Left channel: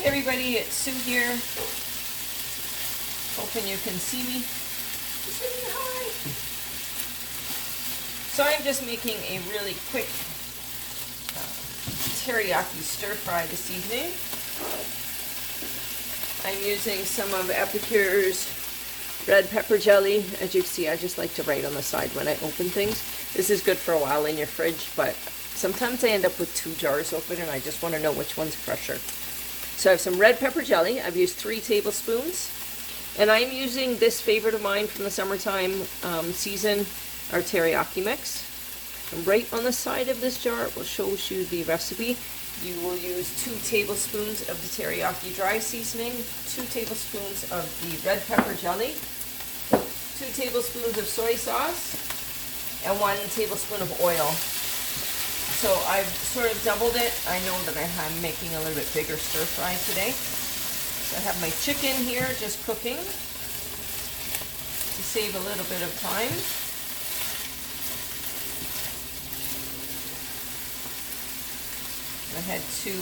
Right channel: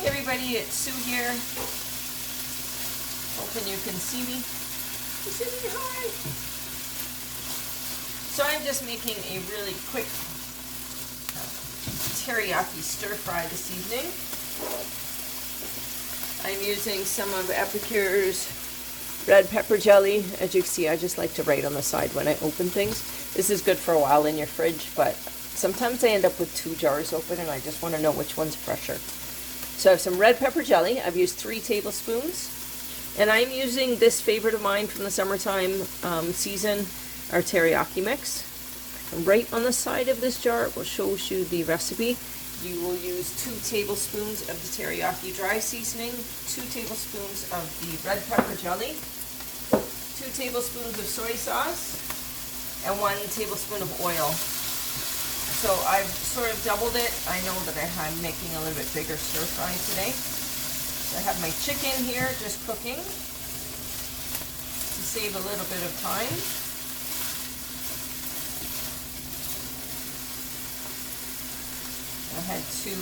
Hey everybody, it's Sue here. Hoping you can see me. Say hi. So I'm just making a really quick teriyaki stir fry this evening. I'm using some of Epicure's red pepper jelly. As you can see, I just like to write on the side when I open things. This is good for a while in your fridge, but sometimes I end up with 2 jars open and I just want to know which one's fresher. So I have some red pepper jelly. I've used 3 tablespoons. And I'm using this favorite of mine from the summertime season, our teriyaki mix. And right on the side of this jar, it will show you the recipe. You will use 2 tablespoons of the teriyaki dry seasoning, 2 tablespoons of the red pepper jelly, 2 tablespoons of soy sauce, and 1 tablespoon of oil. So I've sort of doubled it. I know that I'm making a little bit bigger stir fry today. So I have my chicken here just cooking to save a little bit of time. I had 2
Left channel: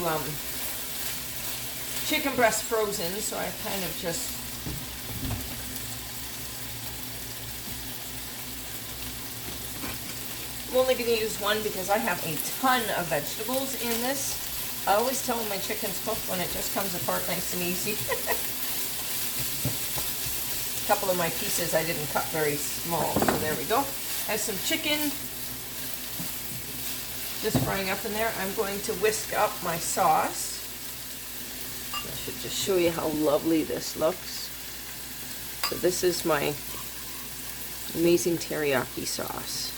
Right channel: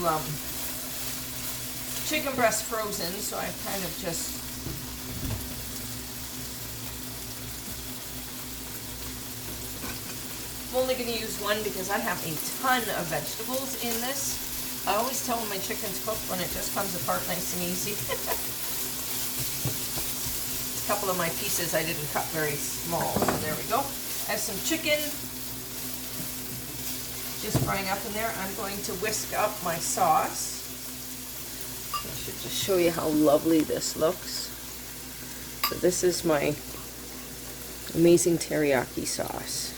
chicken breasts frozen, so I kind of just I'm only going to use 1 because I have a ton of vegetables in this. I always tell when my chicken's cooked when it just comes apart nice and easy. A couple of my pieces I didn't cut very small, so there we go. I have some chicken just frying up in there. I'm going to whisk up my sauce. I should just show you how lovely this looks. So this is my amazing teriyaki sauce.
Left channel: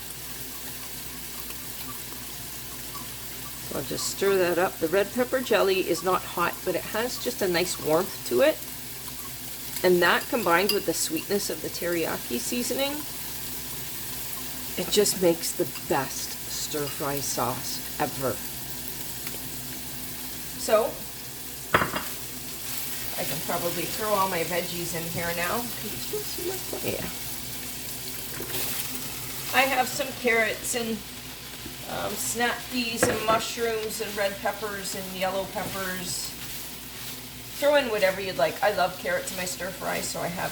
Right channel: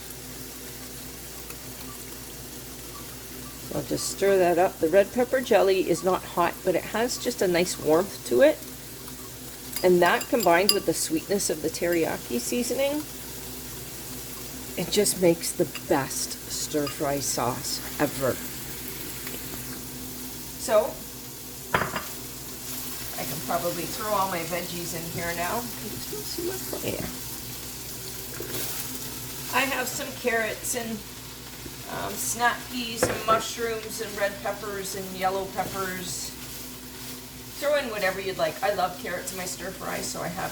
I'll just stir that up. The red pepper jelly is not hot, but it has just a nice warmth to it. And that combined with the sweetness of the teriyaki seasoning, it just makes the best stir-fry sauce ever. So, I can probably throw all my veggies in here now. Yeah. I have some carrots and snap peas and mushrooms and red peppers and yellow peppers. Throw in whatever you'd like. I love carrots in my stir fry, so I have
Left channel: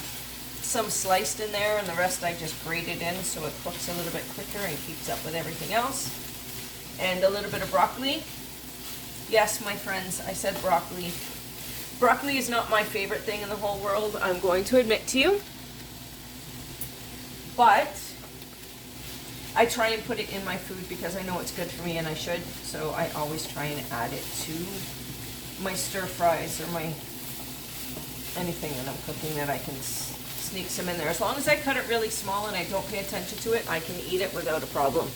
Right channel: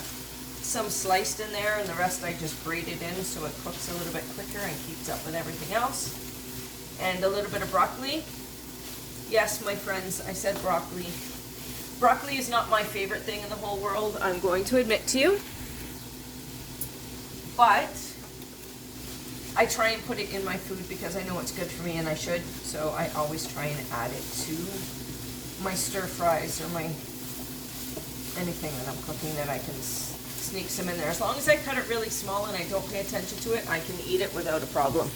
some sliced in there and the rest I just grate it in so it cooks a little bit quicker and keeps up with everything else. And a little bit of broccoli. Yes, my friends, I said broccoli. Broccoli is not my favorite thing in the whole world, I'm going to admit to you. But I try and put it in my food because I know it's good for me and I should, so I always try and add it to my stir fries or my anything that I'm cooking that I can sneak some in there. As long as I cut it really small and I don't pay attention to it, I can eat it without a problem.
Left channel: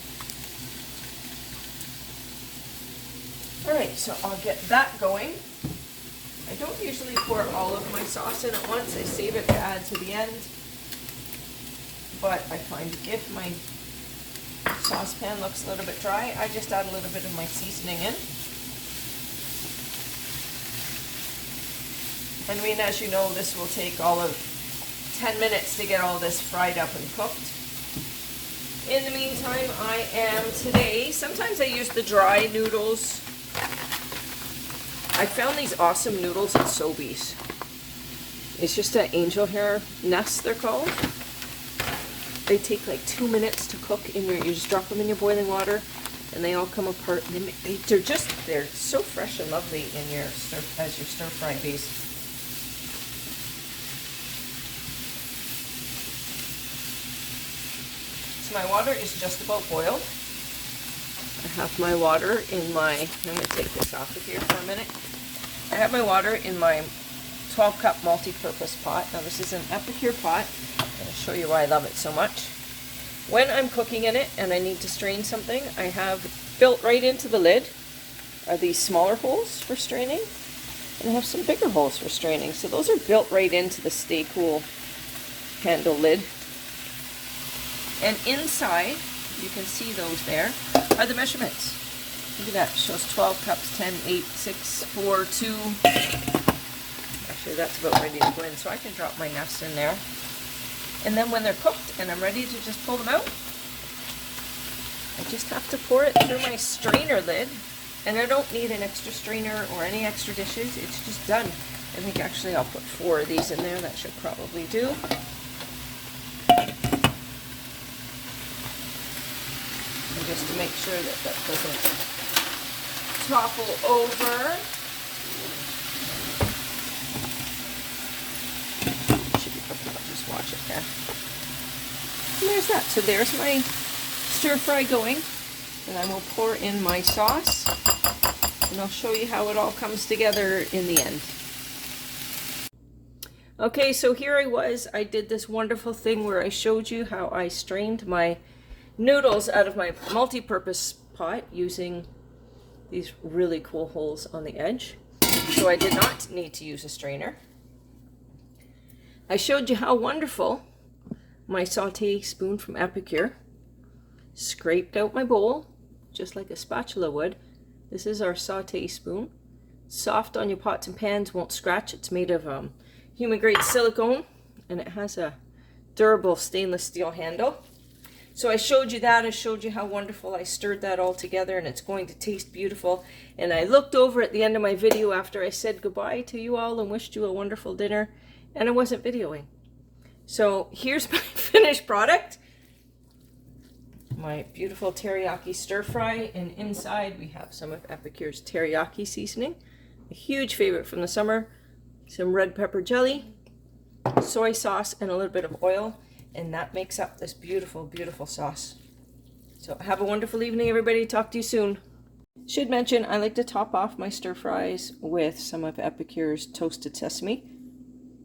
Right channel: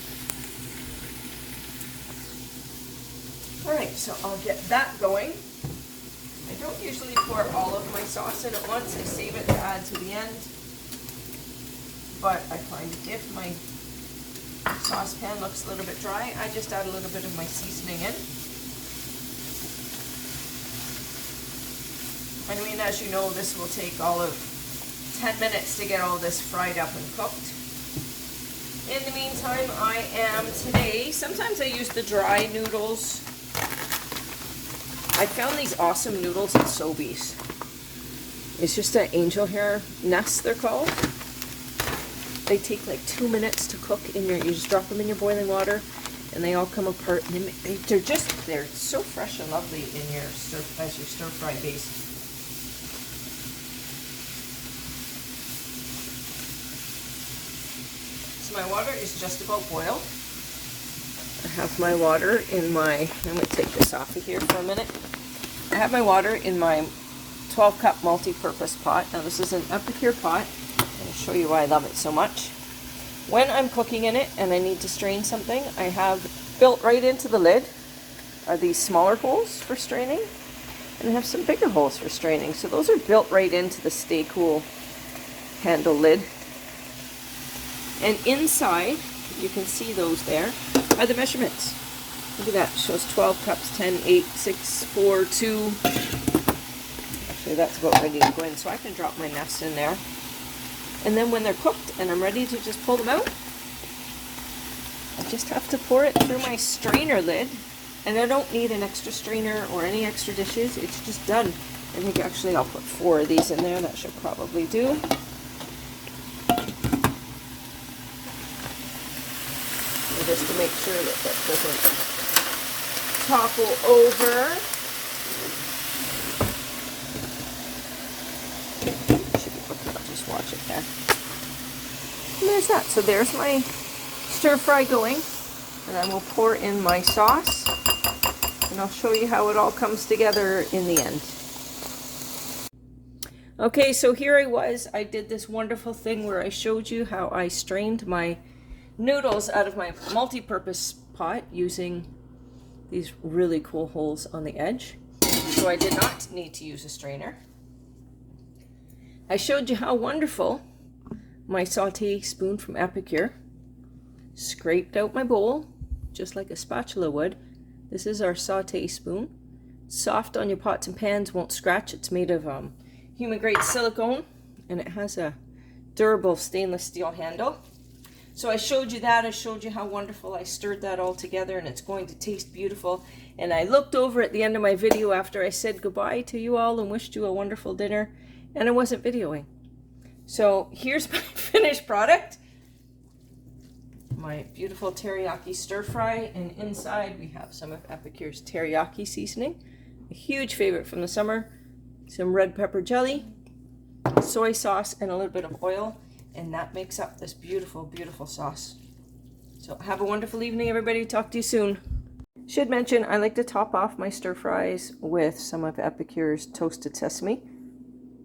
Alright, so I'll get that going. I don't usually pour all of my sauce in at once. I save it to add to the end. But I find if my saucepan looks a little bit dry, I just add a little bit of my seasoning in. I mean, as you know, this will take all of 10 minutes to get all this fried up and cooked. In the meantime, I am today, sometimes I use the dry noodles. I found these awesome noodles at Sobeys. It's just an angel hair nest, they're called. They take like 2 minutes to cook in your, you just drop them in your boiling water and they all come apart. And they're so fresh and lovely in your as your stir fry base. So my water is just about boiled. I have my water in my, let me take this off of here for a minute. I have my water in my 12-cup multi-purpose pot. Now this is an Epicure pot. I'll show you why I love it so much. When I'm cooking in it and I need to strain something, I have built right into the lid are these smaller holes for straining, and I have some bigger holes for straining. So those are built right into the Stay Cool handle lid. And inside, you can see those there, are the measurements. Look at that, it shows 12 cups, 10, 8, 6, 4, 2. Actually, that's about ready to go in, so I can drop my nuts in there. And then when they're cooked and I'm ready to just pull them out, I just have to pour it through my strainer lid And I don't need an extra strainer or any extra dishes. It's just done. I think actually I'll put 4 of these in there. That should probably do. And just to make sure that that doesn't topple over. Should be okay, I'll just watch it there. And there's that. So there's my stir fry going. And I will pour in my sauce. And I'll show you how it all comes together in the end. Okay, so here I did this wonderful thing where I showed you how I strained my noodles out of my multi-purpose pot using these really cool holes on the edge. So I did not need to use a strainer. I showed you how wonderful my sauté spoon from Epicure scraped out my bowl, just like a spatula would. This is our sauté spoon. Soft on your pots and pans, won't scratch. It's made of human grade silicone, and it has a durable stainless steel handle. So I showed you that. I showed you how wonderful I stirred that all together, and it's going to taste beautiful. And I looked over at the end of my video after I said goodbye to you all and wished you a wonderful dinner, and I wasn't videoing. So here's my finished product. My beautiful teriyaki stir fry, and inside we have some of Epicure's teriyaki seasoning, a huge favorite from the summer, some red pepper jelly, soy sauce, and a little bit of oil, and that makes up this beautiful, beautiful sauce. So have a wonderful evening, everybody. Talk to you soon. Should mention, I like to top off my stir fries with some of Epicure's toasted sesame.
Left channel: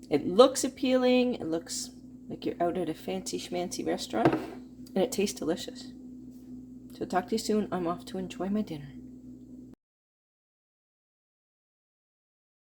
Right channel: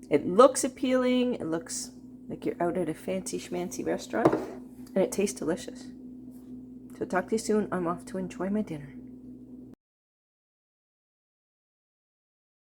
It looks appealing, it looks like you're out at a fancy schmancy restaurant, and it tastes delicious. So talk to you soon. I'm off to enjoy my dinner.